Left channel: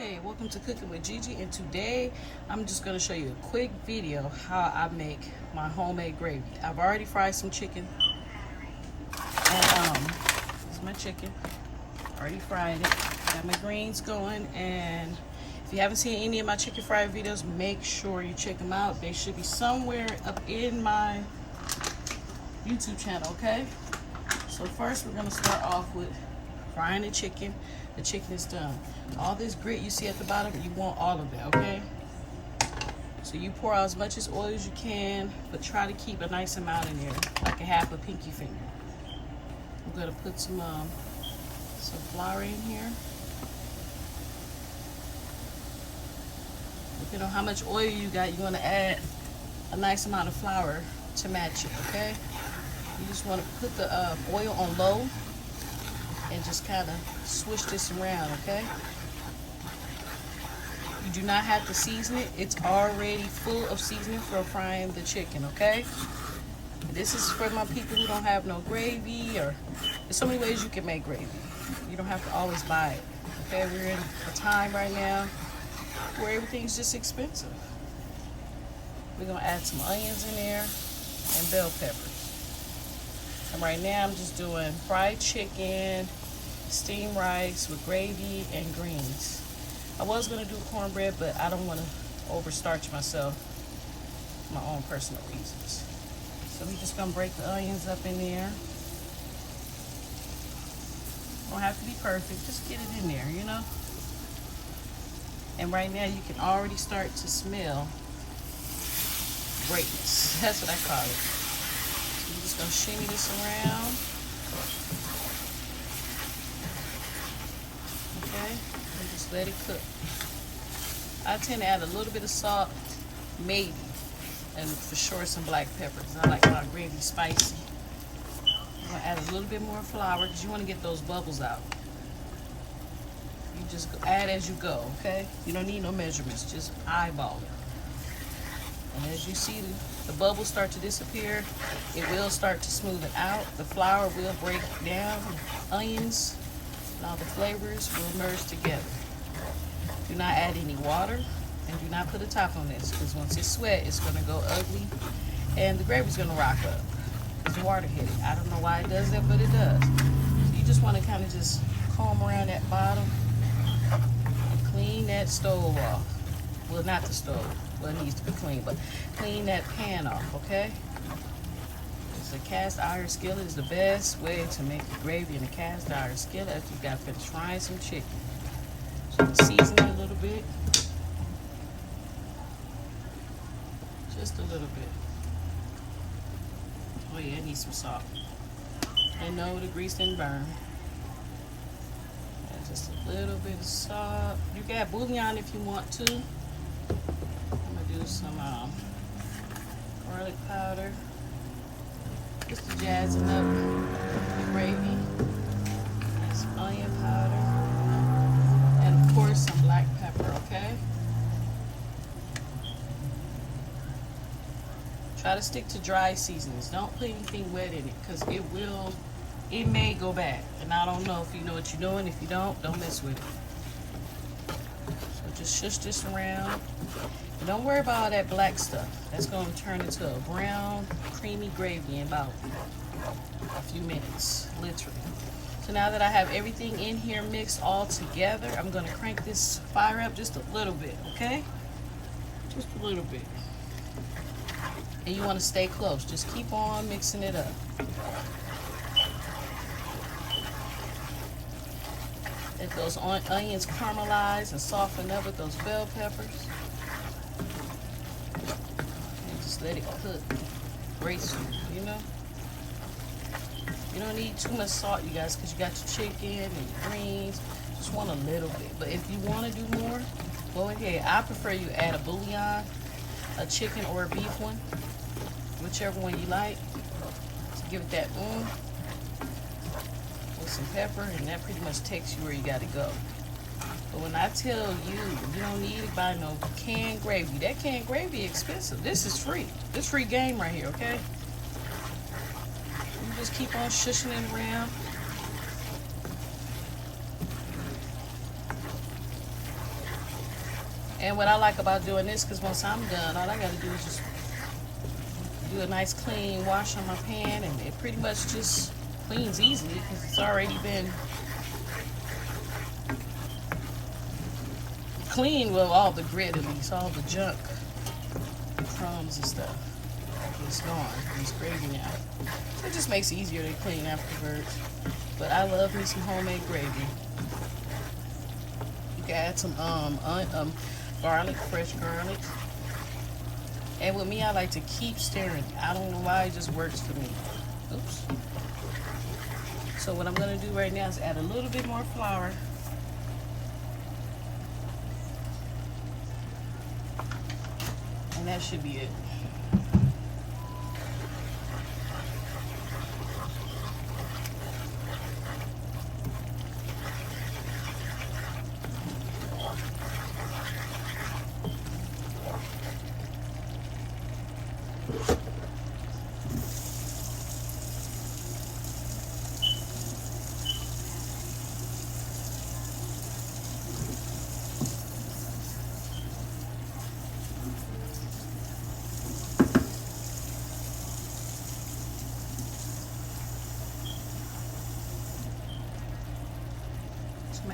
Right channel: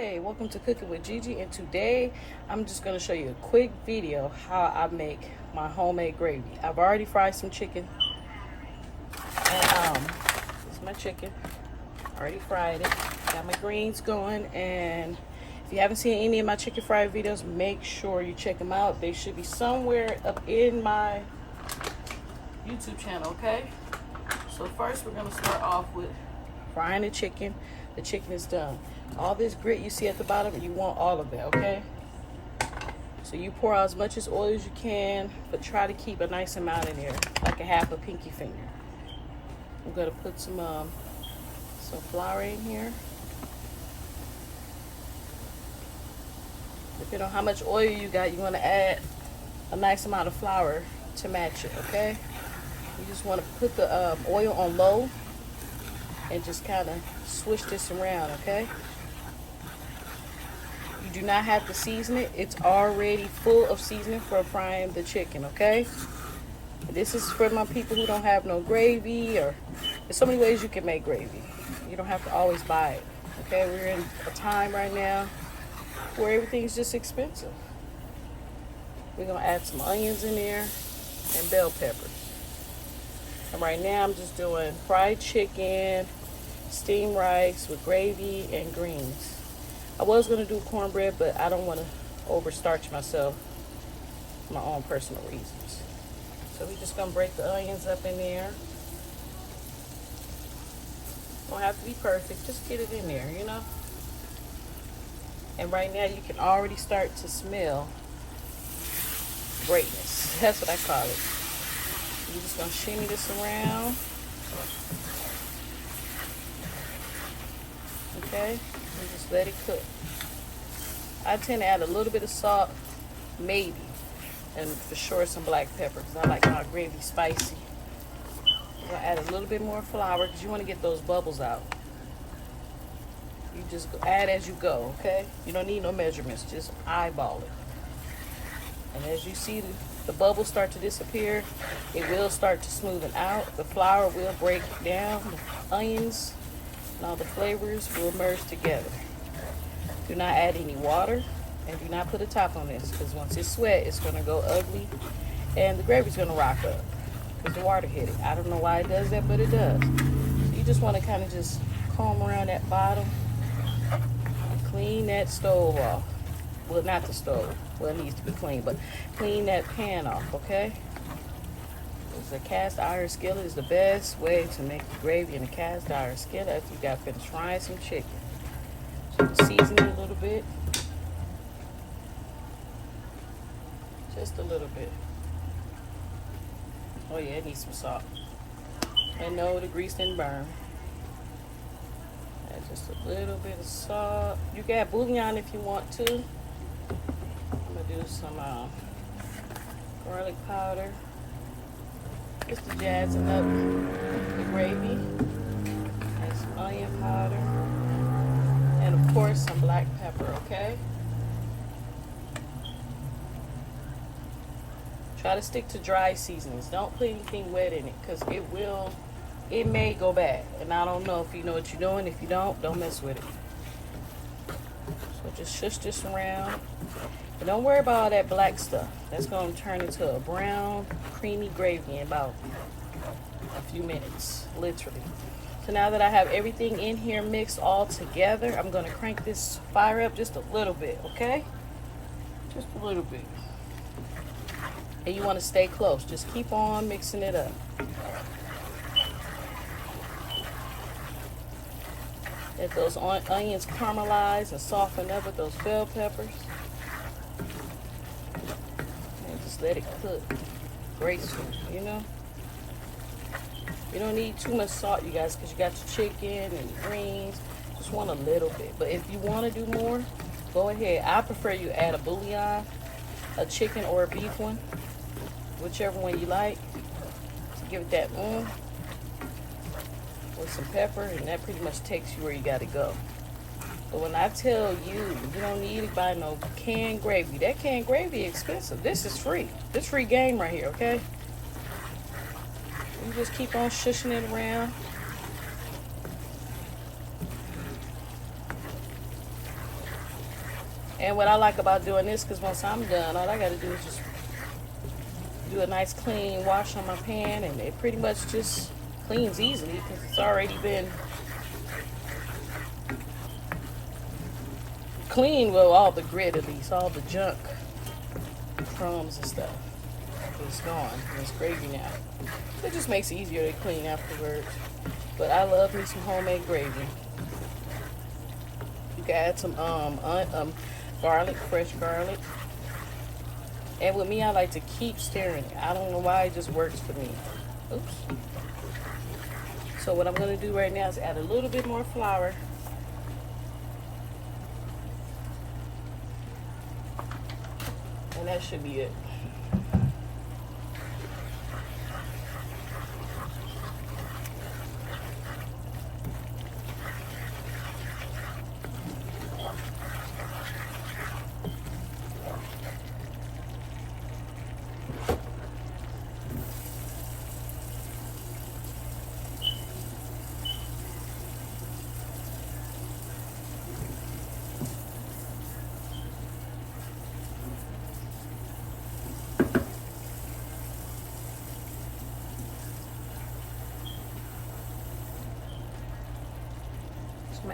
Hey, welcome to Cooking with Gigi, and today I'm just going to show you a quick video how I make my homemade gravy. I've already fried some chicken, and this is my chicken, already fried it, got my greens going, and if you haven't seen any of my chicken fried videos, make sure you check them out. They should be somewhere up in my YouTube channel, okay? So first we're going to start off with frying the chicken. The chicken is done. All this grit you see at the bottom, you want all of it, okay? So you pour out as much as oil as you can, but try to keep a nice amount in there, like a half a pinky finger. I'm gonna put some flour in here. Depending on how much oil you got, you want to add a nice amount of flour to match it, okay? You just want to put the oil on low and just kind of swish this around, okay? You do not have to season it. It's already full of seasoning for frying the chicken, okay? This is for my people who don't have no gravy, or there's so many ways you can make gravy. You don't have to always buy it, okay? We're in a time right now where everything's just expensive. We're gonna add some onions in there and bell peppers. And right now I'm just doing fried chicken, steamed rice with gravy, and greens. I was going to do cornbread, but I don't want to overstarch myself for my own personal reasons. So we're just going to break the onions up in there. Don't have to be perfect, just get it in there, you know. And right now you can already start to smell greatness. That's what I call it. I'm just going to shimmy this around. Okay, and just let it cook. I tend to add a little bit of salt, maybe, and for sure some black pepper, because I like my gravy spicy. I'm gonna add a little bit more flour because you want to get those bubbles out. You just add as you go, okay? You don't need no measurements, just eyeball it. And as you see the bubbles start to disappear, it will start to smoothen out. The flour will break down. Onions, now the flavors will merge together. Do not add any water, and do not put a top on this, because once it's sweat, it's going to go ugly, and the gravy's going to rock up because the water hit it. I don't know why it does that, but it does. You just want to kind of just comb around that bottom, clean that stove off. Well, not the stove. Well, it needs to be clean, but clean that pan off, okay? A cast iron skillet is the best way to make the gravy in a cast iron skillet after you got finished frying some chicken. So season it a little bit. Just a little bit. Oh yeah, it needs some salt. And no, the grease didn't burn. And just a little bit of salt. You can add bouillon if you want to. I'm gonna do some garlic powder. Just jazzing up the gravy, and some onion powder, and of course some black pepper, okay? Try to stick to dry seasonings. Don't put anything wet in it, because it may go bad. And I don't know if you know what you're doing. If you don't mess with it. So just shush this around. And don't worry about all that black stuff. That's going to turn into a brown, creamy gravy in about a few minutes, literally. So now that I have everything in here mixed all together, I'm going to crank this fire up just a little bit, okay? Just a little bit. And you want to stay close. Just keep on mixing it up. Let those onions caramelize and soften up with those bell peppers. And just let it cook gracefully, you know? You don't need too much salt, you guys, because you got your chicken and your greens. Just want a little bit. But if you want to do more, go ahead. I prefer you add a bouillon, a chicken or a beef one, whichever one you like. Just give it that with some pepper, and that pretty much takes you where you got to go. But when I tell you, you don't need to buy no canned gravy. That canned gravy is expensive. This is free. This free game right here, okay? You just keep on shushing it around. And what I like about doing this, because once I'm done, all I gotta do is just do a nice clean wash on my pan, and it pretty much just cleans easily because it's already been clean with all the grit, at least all the junk, crumbs and stuff. It's gone. It's gravy now. It just makes it easier to clean afterwards. But I love me some homemade gravy. You can add some garlic, fresh garlic. And with me, I like to keep stirring it. I don't know why, it just works for me. Oops. So what I'm gonna do right now is add a little bit more flour. And that should be it.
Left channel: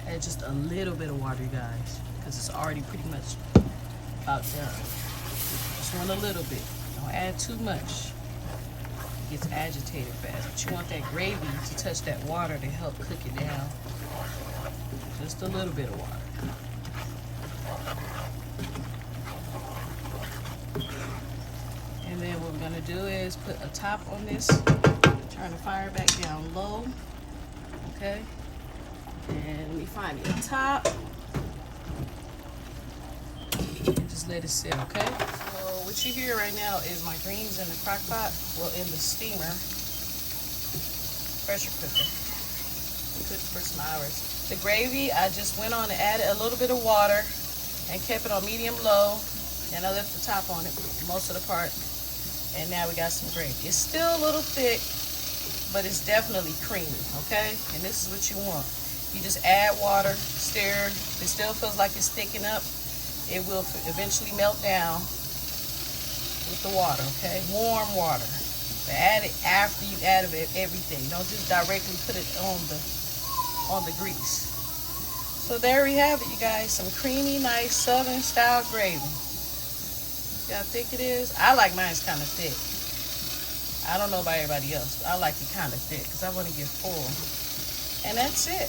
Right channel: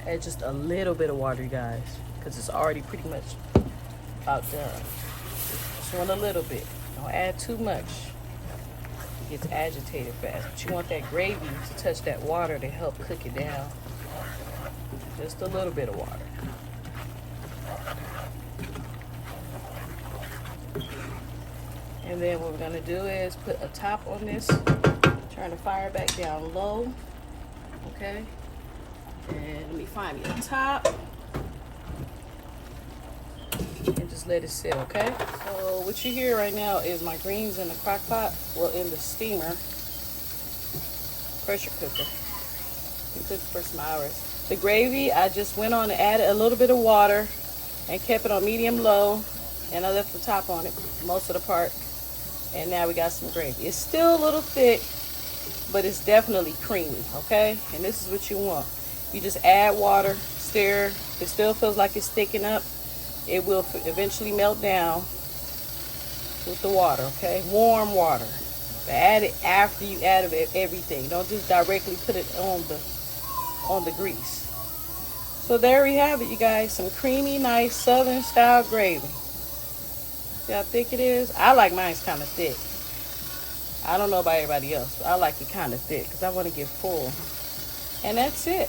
Add just a little bit of water, you guys, because it's already pretty much about done. Just want a little bit. Don't add too much. It gets agitated fast. But you want that gravy to touch that water to help cook it down. Just a little bit of water. And then what we're gonna do is put a top on this. Turn the fire back down low. Okay. And let me find me a top. And just let it sit, okay? So what you hear right now is my greens in the crock pot. Well, in the steamer. Pressure cooker. It cooked for some hours. The gravy, I just went on and added a little bit of water and kept it on medium low. And I left the top on it most of the part. And now we got some gravy. It's still a little thick, but it's definitely creamy, okay? And this is what you want. You just add water, stir. If it still feels like it's thickening up, it will eventually melt down with the water, okay? Warm water. Add it after you add everything. Don't just directly put it on the grease. So there we have it, you guys. Some creamy, nice Southern style gravy. See how thick it is? I like mine's kind of thick. I don't know about everybody else, but I like it kind of thick because I want to get full. And that's it.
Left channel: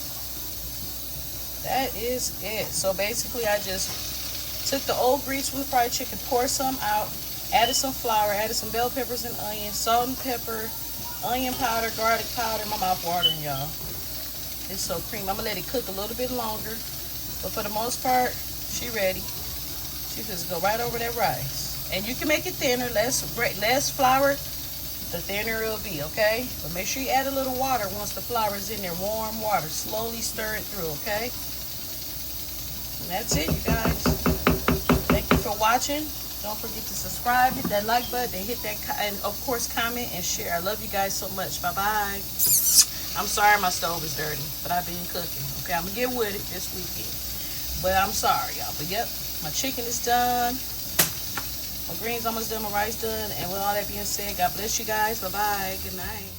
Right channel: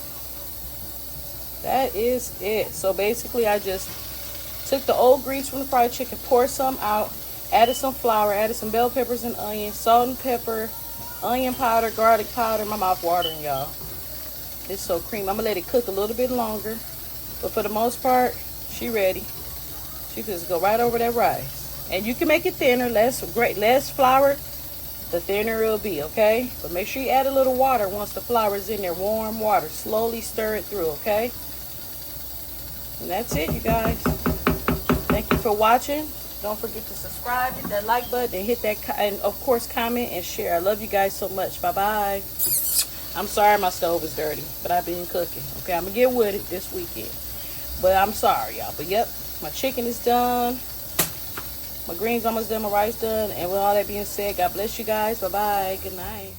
That is it. So basically I just took the old grease from the fried chicken, poured some out, added some flour, added some bell peppers and onions, salt and pepper, onion powder, garlic powder. My mouth watering, y'all. It's so creamy. I'm gonna let it cook a little bit longer, but for the most part, she ready. She just go right over that rice. And you can make it thinner, less flour, the thinner it'll be, okay? But make sure you add a little water once the flour is in there, warm water. Slowly stir it through, okay? And that's it, you guys. Thank you for watching. Don't forget to subscribe, hit that like button, and hit that, and of course, comment and share. I love you guys so much. Bye-bye. I'm sorry my stove is dirty, but I've been cooking. Okay, I'm going to get with it this weekend. But I'm sorry, y'all. But, yep, my chicken is done. My greens almost done, my rice done. And with all that being said, God bless you guys. Bye-bye. Good night.